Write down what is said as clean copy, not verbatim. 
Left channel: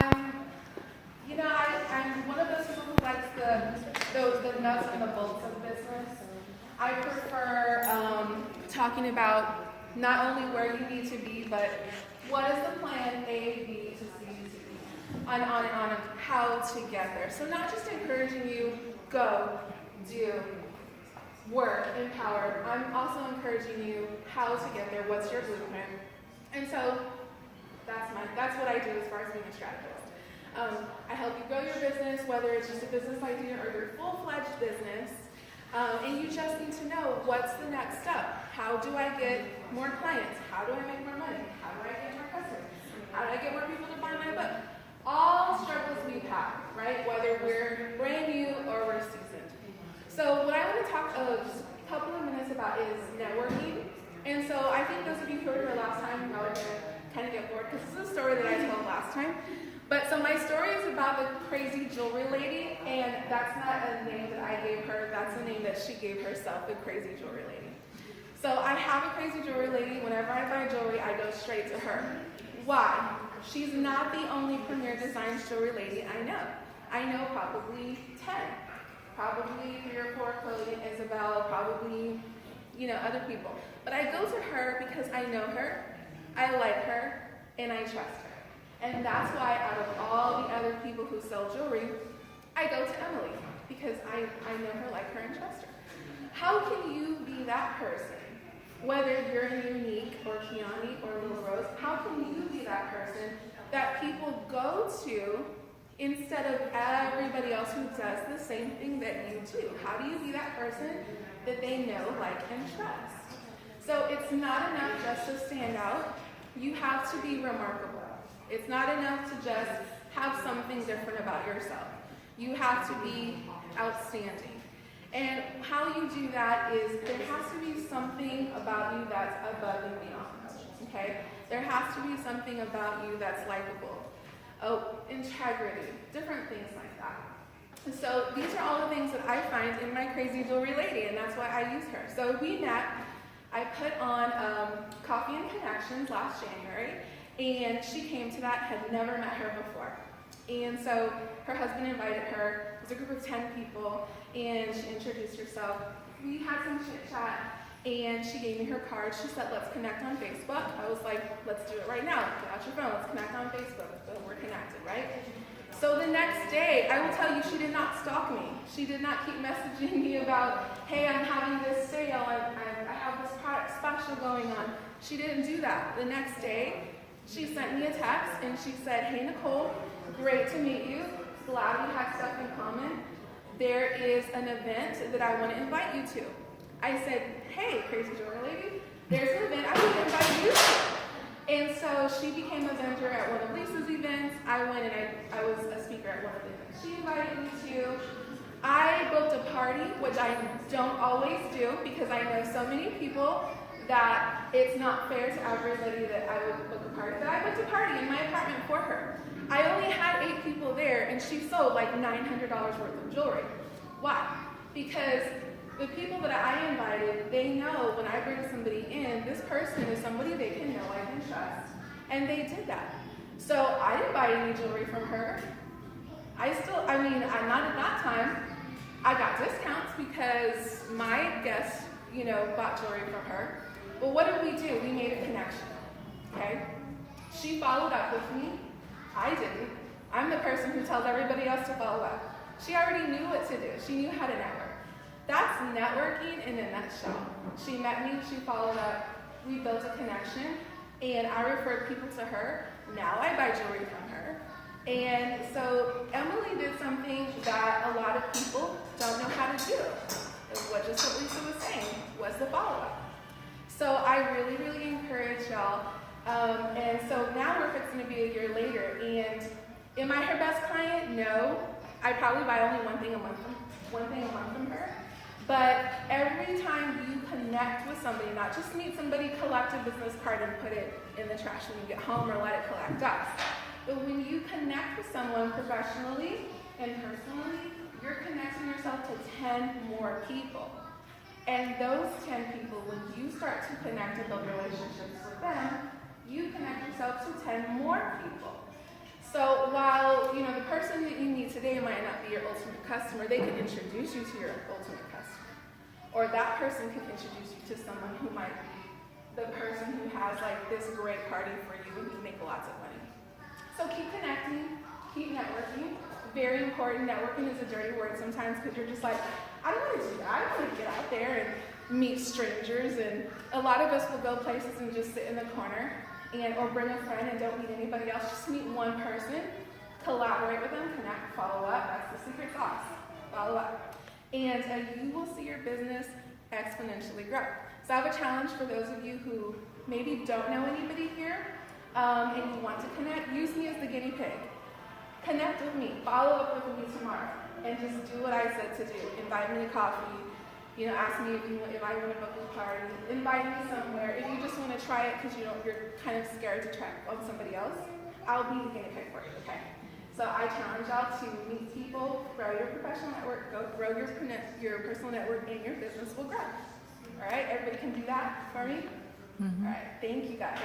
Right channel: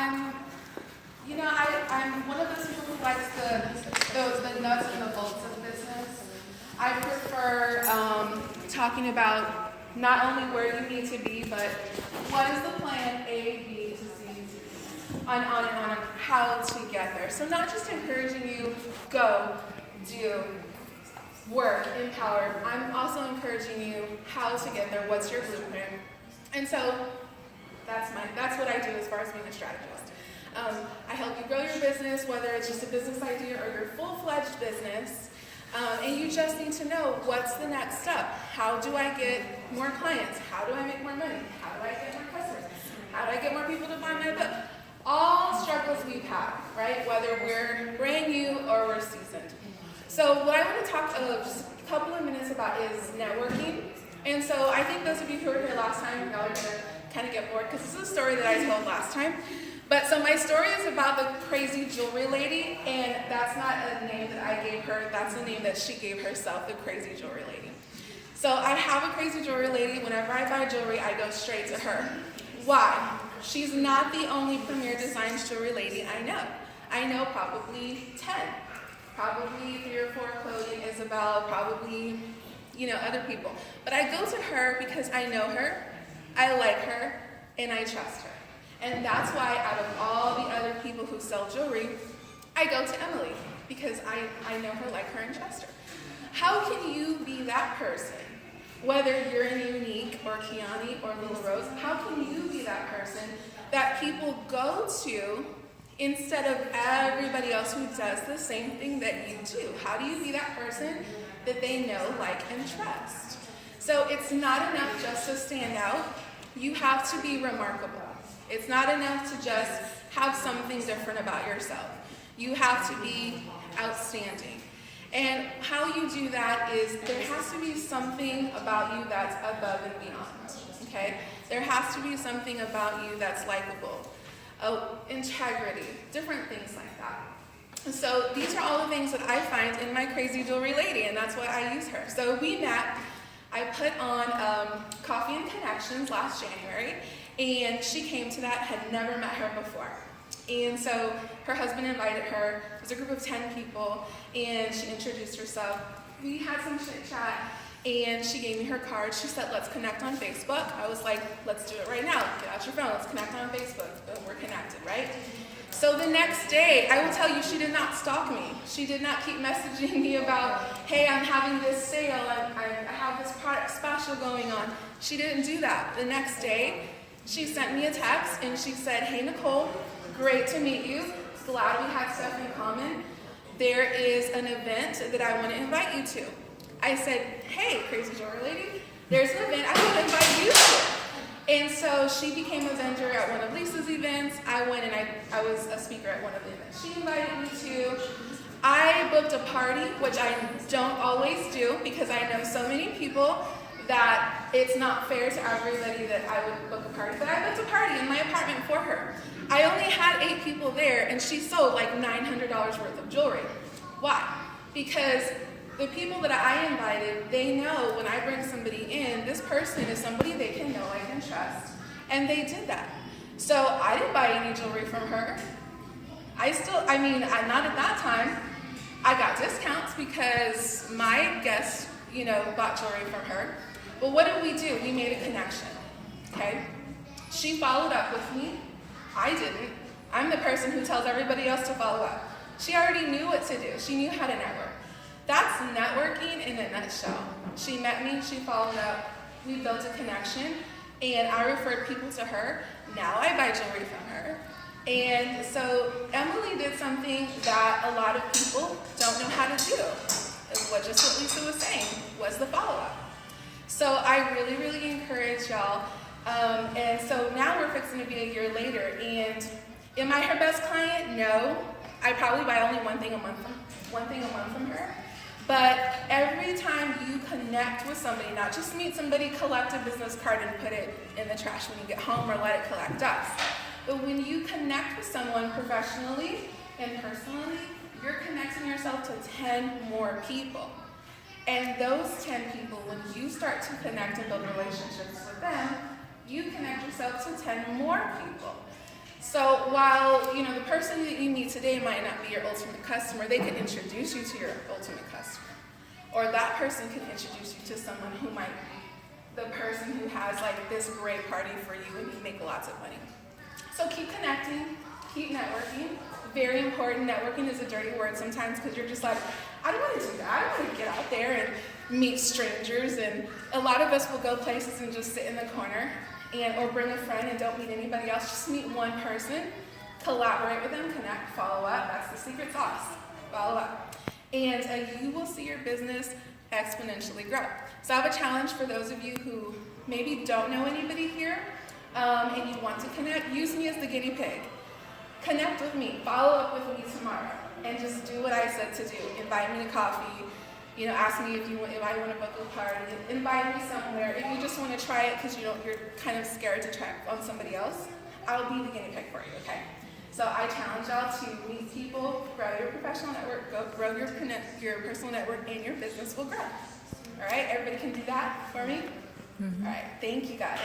I'm, I'm one of those people who likes the nuts and the bolts of business. I prefer talking about not only where you need to be, but what is the plan A, B, to C, to D, on and on, how to get there. So not just encouraging you, go, do, work, empower. I'm also encouraging you how to get there, what's your blueprint. And so that's what I do as far as being a strategist. I help you grow your business, whether it's just a business idea or your full-fledged business. And you just need to know what's the next step. How do I get more clients? How do I make more money? How do I get more customers? How do I get more people to buy my book? All struggles we've had, right? Whether we're brand new or we're seasoned. So what I want to talk just a couple of minutes about is networking. And so I think those of you who were here last time, y'all are going to kind of get bored because this is a story that I told last time. But so my story is about the crazy jewelry lady, and that's not a name that I gave her, that's a name that she gave herself, the crazy jewelry lady. So I have a crazy jewelry lady. Whenever I buy jewelry, I go straight to her. Why? She's not the only Premier Designs jewelry lady I know. I know probably 10. Probably 3 or 4 Chloe, Isabel, probably, other people. But I go to her because I know her, I like her, and I trust her. And that's why out of all the other people who sell jewelry, I go to Emily because I know her, like her, and trust her. How can you be that person? Whether you're in Unique or Kiani or Little Rose, how can you be that person that people go to instead of everybody else who does the same thing that you do? How do you be that person that they know, like, and trust? So it's not enough just to stand out. You have to be remarkable. It's not enough to just have something different about yourself. You have to be outstanding. And how you do that is there has to be something about you that's above and beyond, okay? There has to be something about you that's likable. Integrity, different things like that. And so these are all the things that I find in my crazy jewelry lady, and that's why I use her. So we met, I put on Coffee and Connections last January, and she came to that, had never met her before. And so her husband invited her. It was a group of 10 people, and she introduced herself. We had some chit chat, and she gave me her card. She said, let's connect on Facebook. I was like, let's do it right now. Get out your phone, let's connect on Facebook. Boom, we're connected, right? So the next day, I will tell you, she did not stalk me. She did not keep messaging me about, hey, I'm having this sale, I have this product special going on. She didn't do that. The next day, she sent me a text, and she said, hey, Nicole, great to meet you. Glad we had stuff in common. There is an event that I want to invite you to. I said, hey, crazy jewelry lady, there's an event I want to invite you to. And so she became a vendor at one of Lisa's events. I went and I was a speaker at one of the events she invited me to. I booked a party, which I don't always do because I know so many people that it's not fair to everybody that I would book a party. But I booked a party in my apartment for her. I only had 8 people there, and she sold like $900 worth of jewelry. Why? Because the people that I invited, they know when I bring somebody in, this person is somebody they can know, I can trust. And they did that. So I didn't buy any jewelry from her. Not at that time. I got discounts because my guests, bought jewelry from her. But what did we do? We made a connection, okay? She followed up with me. I didn't. I'm the person who tells everybody else to follow up. She already knew what to do. She knew how to network. That's networking in a nutshell. She met me, she followed up, we built a connection, and I referred people to her. Now I buy jewelry from her. And so Emily did something that a lot of people don't know how to do. Just what Lisa was saying, was the follow-up. So I really, really encourage y'all. And so now we're fixing to be a year later. And am I her best client? No. I probably buy only one thing a month from her. But every time you connect with somebody, not just meet somebody, collect a business card and put it in the trash when you get home or let it collect dust. But when you connect with someone professionally and personally, you're connecting yourself to 10 more people. And those 10 people, when you start to connect and build relationships with them, you connect yourself to 10 more people. So while the person that you meet today might not be your ultimate customer, they could introduce you to your ultimate customer. Or that person can introduce you to someone who might be the person who has like this great party for you and you make lots of money. So keep connecting, keep networking. Very important. Networking is a dirty word sometimes because you're just like, I don't want to do that. I don't want to get out there and meet strangers. And a lot of us will go places and just sit in the corner or bring a friend and don't meet anybody else. Just meet one person, collaborate with them, connect, follow up. That's the secret sauce. Follow up. And you will see your business exponentially grow. So I have a challenge for those of you who maybe don't know anybody here and you want to connect. Use me as the guinea pig. Connect with me. Follow up with me tomorrow. And just do what I said to do. Invite me to coffee. Ask me if I want to book a party. Invite me somewhere. If you just want to try it because you're kind of scared to try on somebody else, I'll be the guinea pig for you, okay? So I challenge y'all to meet people, grow your professional network, grow your personal network, and your business will grow. All right, everybody can do that for me? Mm-hmm. All right, thank you guys.